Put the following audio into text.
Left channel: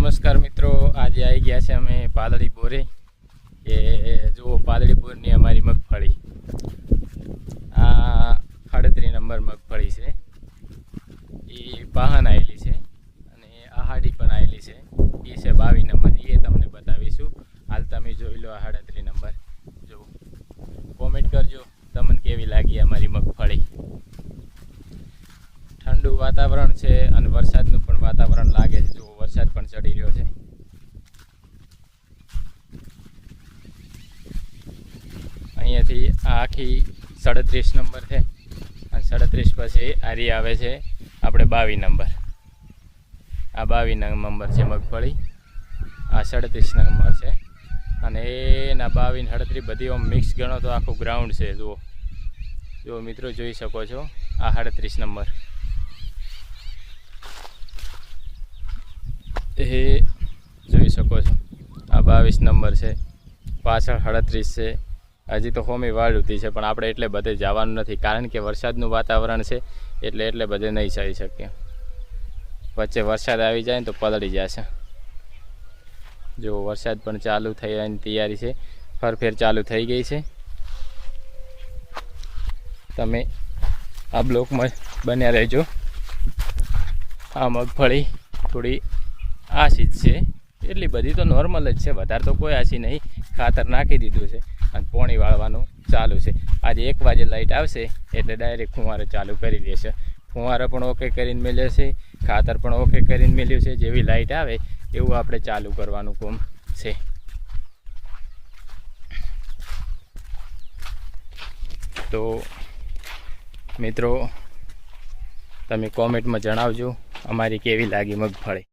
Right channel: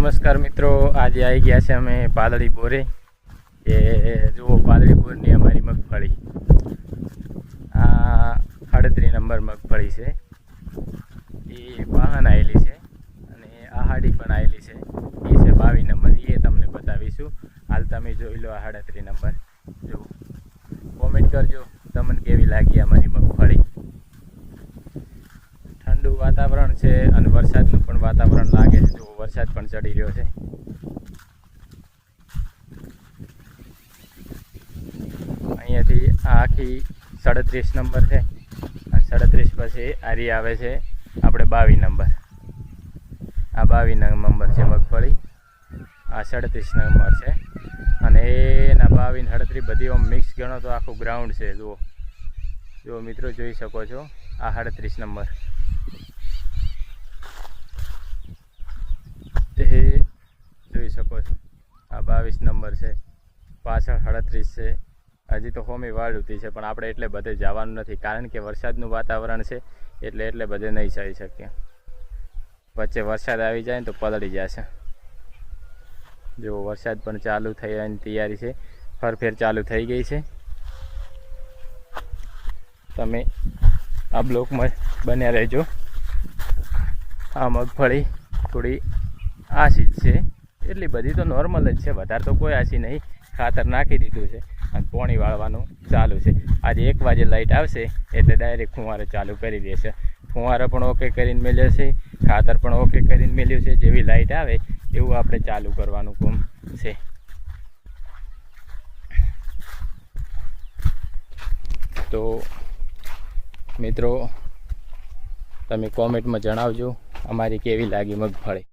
નમસ્કાર મિત્રો, આજે આવી ગયા છે અમે પાદળી બોરે, કે જુઓ પાદળી બોરની અમારી મગફળી. આ અડત્રીસ નંબર મગફળી છે. એ વાહન આવેલી છે અને આહાડી પણ આવેલી છે. એ છે બાવીસ નંબર. એ તમને બતાવીશું. હાલ તમે જોઈ લો આ અડત્રીસ નંબર. જુઓ કોમેન્ટ કરજો, તમને કેવી લાગી અમારી મગફળી? ઠંડુ વાતાવરણ છે અને વરસાદનું પણ વાતાવરણ લાગે. વરસાદ પણ ચડી રહ્યો છે. અહીંયાથી આખી સાડત્રીસ નંબર છે. સાડત્રીસ પછી આરી આવે છે આપણે બાવીસ નંબર. આ બાવીસ નંબર છે મગફળી. આ સાડત્રીસ નંબર છે. અને એના બાવી સાડત્રીસ બધી આમ મિક્સ ગણો તો આખું ગ્રાઉન્ડ છે, જુઓ. જો મિત્રો, જોઈ શકો છો. આ સાડત્રીસ નંબર. એ જોઈ શકો છો. આ બાવીસ નંબર છે. પાછળ સાડત્રીસ છે. હજી તો હોમી વાળુતી છે, પણ આપણે એટલે બધે જવાનું નથી, કારણ કે વરસાદનું વાતાવરણ છે, એટલે એટલે બધે નહીં જઈ શકીએ. વચ્ચે વરસાદ આવી જાય ને તો પલળી જશે. જો વરસાદ પણ ચાલુ થયાની તૈયારી છે. ફરફેર ચાલુ થઈ ગઈ છે. તમે આ બ્લોકમાં બન્યા રહેજો. આ મગફળી થોડી આશી જ છે. એટલી બધી તો નોર્મલ જ છે. વધારે તો કોઈ આશી નહીં. ખાતર નાખી દીધું છે અને પોણી વાળવાનું ચાલુ છે. આજે એક વાગે લાઇટ આવશે એટલે ડાયરેક્ટ ફુવારો ચાલુ કરી દેશે. ફુવારો પણ ઓકે કરીને મેળ્યો છે. ખાતર પણ ઓકે કરીને મેળ્યું છે. જેવી લાઇટ આવે એવું આપણે ચાલુ કરવાનું કોમ છે. તો મિત્રો, તમે કોમેન્ટમાં જણાવજો અમારી કેવી લાગી મગફળી.